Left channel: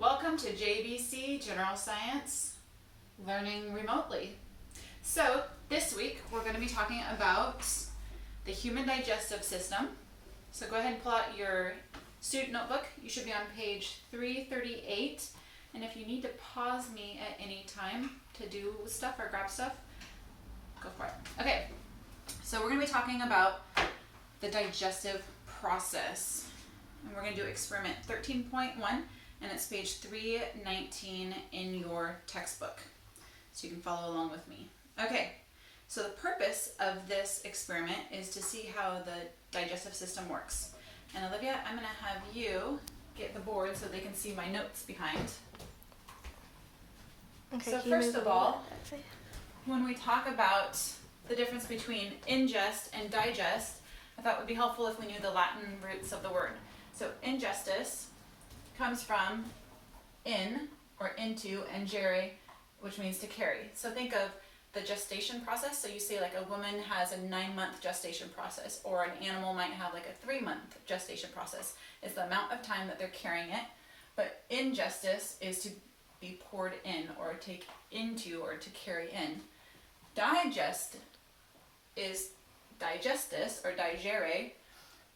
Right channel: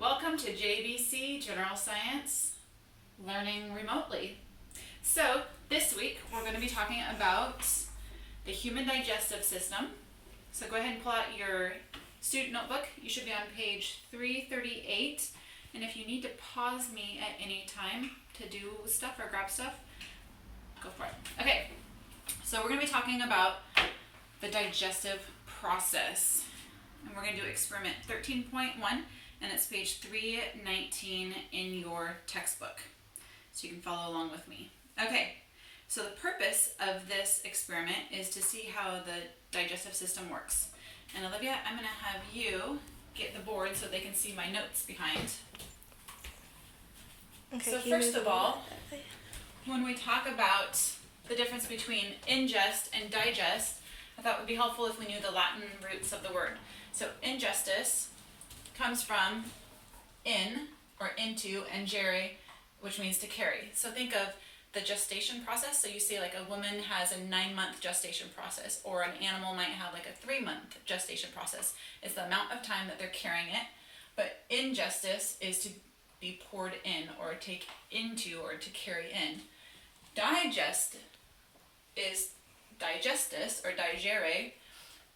Welcome to JBC, General Science, Learning Remotely. So this week we're going to be talking about the human digestive system. So go ahead and pull out your student notebook. You should be on page 338. And if you need to pause me at any time to do stuff or grab stuff, go for it. Okay, so we're going to be talking about the digestive process. And we're going to do experiment 13.1. And it's page 319 in your textbook. So you can follow along with me. Okay, so the purpose of this experiment is to see how the digestive system works. And Olivia, I'm going to have you get the board so they can see my notes behind. Okay, so first of all, when we talk about the difference between ingest and digest, I thought it would be helpful if we knew the Latin roots of the word. So ingestus comes from in or into and gere, which means to carry. So think of the gestation process. So you say like a woman has a 9-month gestation process, or an animal might have like a 3-month gestation process. It's the amount of time that they're carrying it. But ingestus is to be poured in or take into or to carry in. Digest is digestus or digere.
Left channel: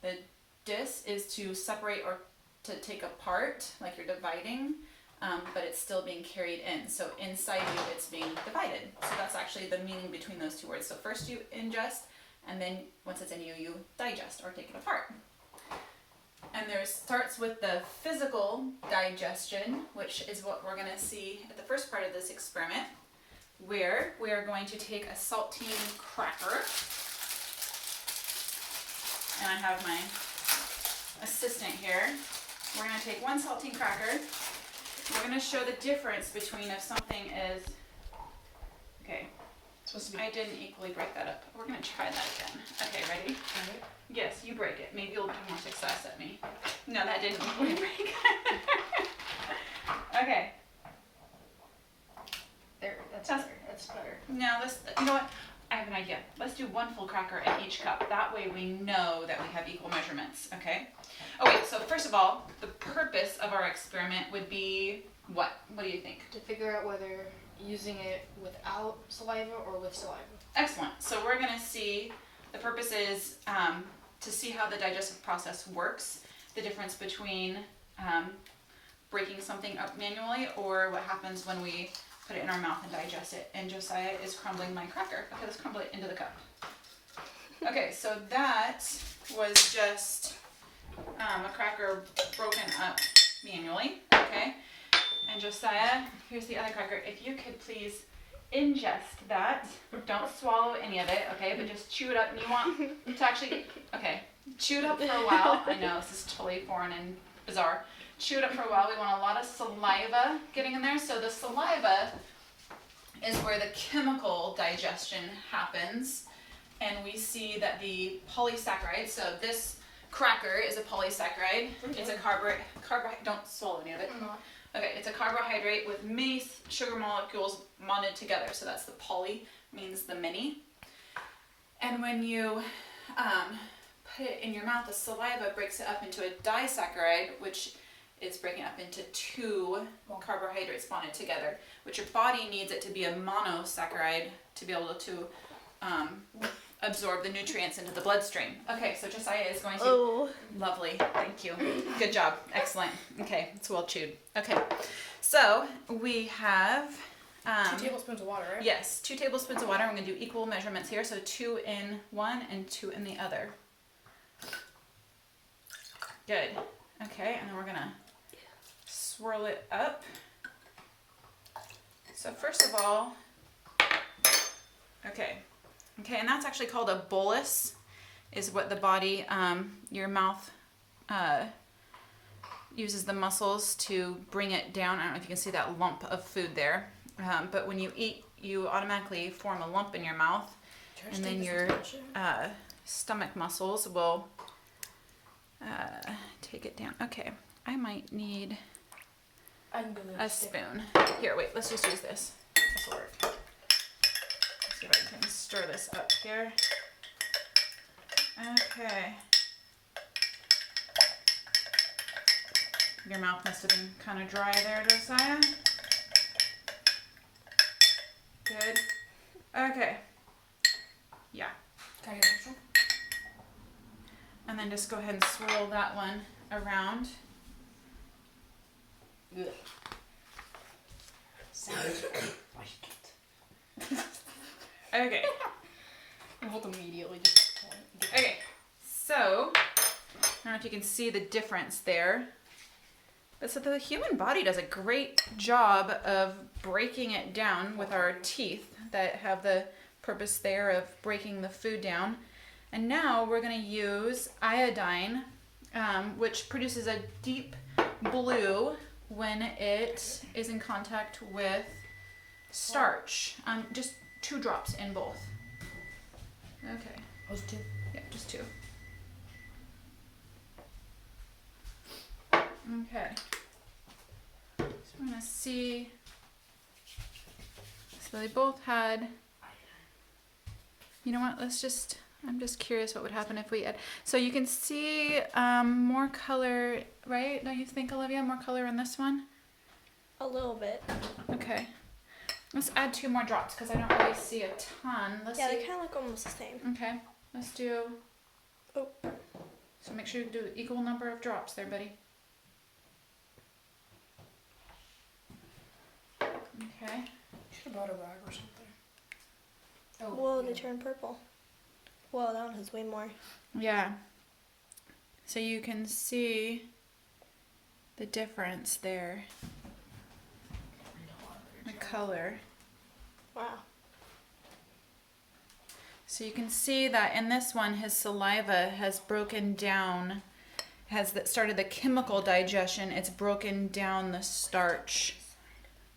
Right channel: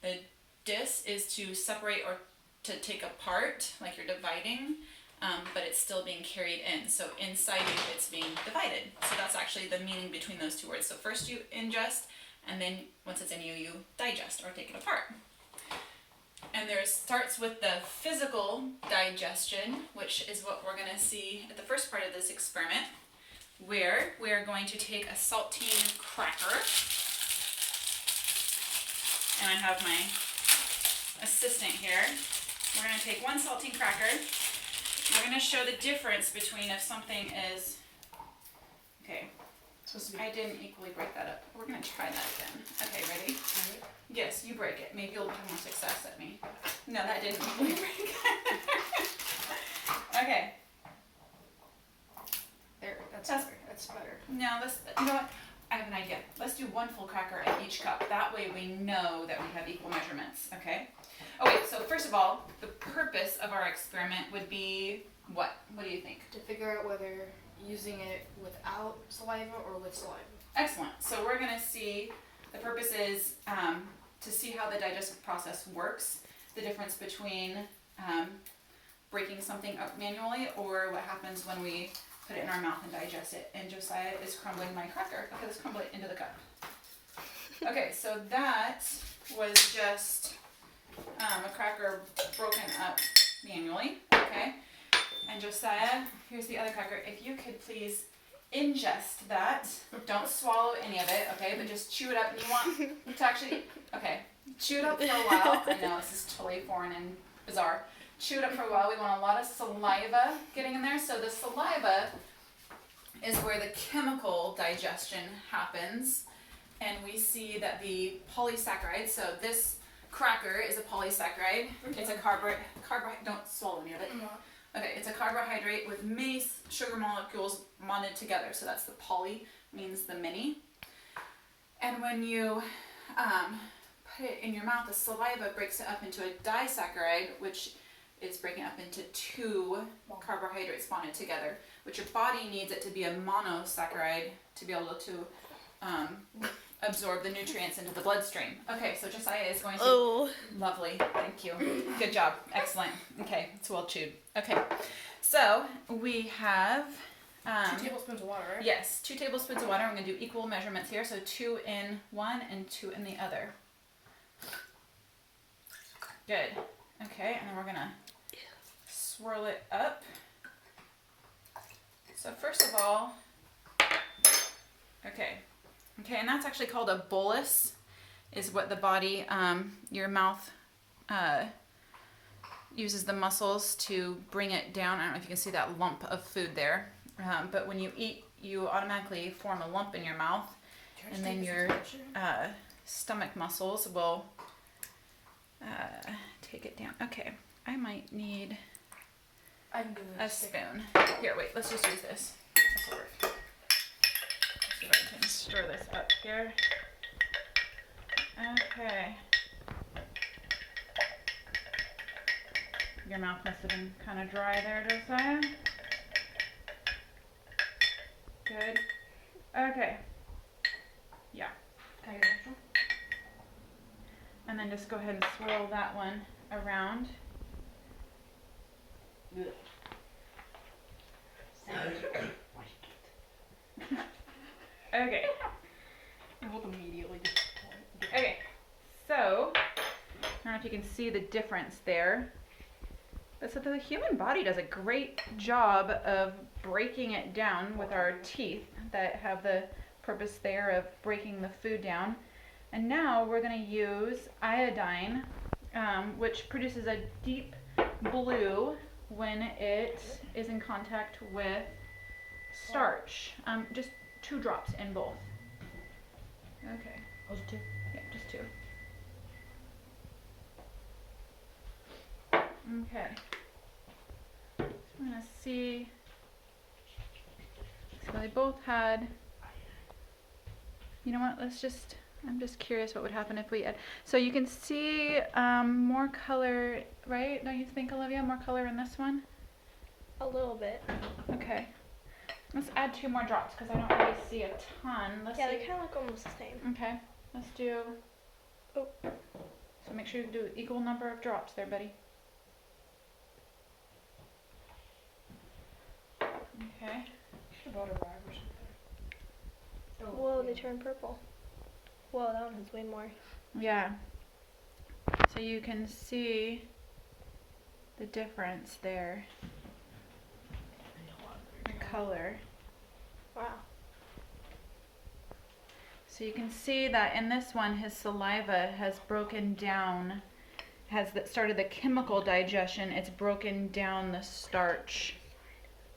The dis is to separate or to take apart, like you're dividing, but it's still being carried in. So inside you, it's being divided. So that's actually the meaning between those two words. So first you ingest, and then once it's in you, you digest or take it apart. And there starts with the physical digestion, which is what we're going to see at the first part of this experiment, where we are going to take a saltine cracker, and I have my assistant here. We're going to take one saltine cracker. We're going to show the difference between if something is, okay, I didn't equally break that up. We're going to try that again. Okay, ready? Yes, you break it. Maybe you'll have more success at me. No, that didn't equally break. Okay. There, that's better. Now let's, you know what? I have an idea. Let's do one full cracker in each cup. That way we know that we have equal measurements, okay? Oh wait, so first of all, the purpose of our experiment would be what? What do you think? To figure out whether using it without saliva or with saliva. Excellent. So we're going to see, the purpose is to see how the digestive process works, the difference between breaking something up manually or what happens when we put it in our mouth and digest it. And Josiah is crumbling my cracker. Okay, let's crumble it into the cup. Okay, so that was just a cracker broken up manually, okay? And Josiah, here's the other cracker. If you could please ingest that. Don't swallow any of it, okay? But just chew it up. And you want to actually, okay, chew it up for a while. I know this is totally foreign and bizarre. Chew it up for a while. We want a lot of saliva getting in there. So the saliva is where the chemical digestion happens. And we see that the polysaccharide, so this cracker is a polysaccharide. It's a carbohydrate. Don't swallow any of it. Okay, it's a carbohydrate with many sugar molecules bonded together. So that's the poly, means the many. And when you put it in your mouth, the saliva breaks it up into a disaccharide, which is breaking up into 2 carbohydrates bonded together, which your body needs it to be a monosaccharide to be able to absorb the nutrients into the bloodstream. Okay, so Josiah is going to... Oh. Lovely, thank you. Good job, excellent. Okay, it's well chewed. Okay, so we have... 2 tablespoons of water, right? Yes, 2 tablespoons of water. We're going to do equal measurements here, so 2 in one and 2 in the other. Good. Okay, and then we're going to swirl it up. So first of all, okay, and that's actually called a bolus, is what the body, your mouth uses the muscles to bring it down. I don't know if you can see that lump of food there, but when you eat, you automatically form a lump in your mouth, and then your stomach muscles will take it down. Okay, I might need a spoon. Here, wait, let's just use this. This will work. Let's see if I can stir this up here. Okay. Your mouth must have been kind of dry there, Josiah. Good. Okay. Yeah. Can I get extra? And then just go ahead and swirl that one around. Okay. I will immediately just Okay. So, I don't know if you can see the difference there. But so the human body does a great job of breaking it down with our teeth that have the purpose there of breaking the food down. And now we're going to use iodine, which produces a deep blue when it is in contact with starch. Just 2 drops in both. Okay. Those 2. Yeah, just 2. Okay. So we're gonna see. So they both had. You know what? I'm just curious what would happen if we add. So you can see more color, right? Don't you think, Olivia? More color in this one? A little bit. Okay. Let's add 2 more drops because I don't really see a ton. Let's Yeah, see. they kind of look almost the same. Okay. Let's do. Oh. So make sure you do equal number of drops there, buddy. Okay. Should have bought a rag or something. Oh, Whoa, yeah. they turn purple. Whoa, that one has way more. Yeah. So you can see the difference there, the color. Wow. So you can see that in this one, his saliva has broken down, started the chemical digestion. It's broken down the starch.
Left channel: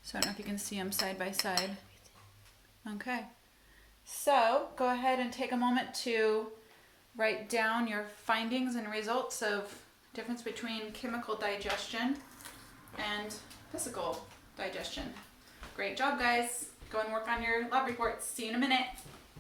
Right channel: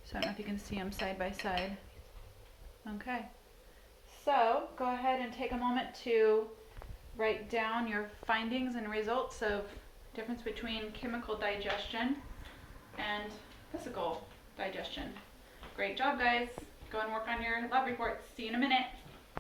So I don't know if you can see them side by side. Okay. So go ahead and take a moment to write down your findings and results of difference between chemical digestion and physical digestion. Great job, guys. Go and work on your lab reports. See you in a minute.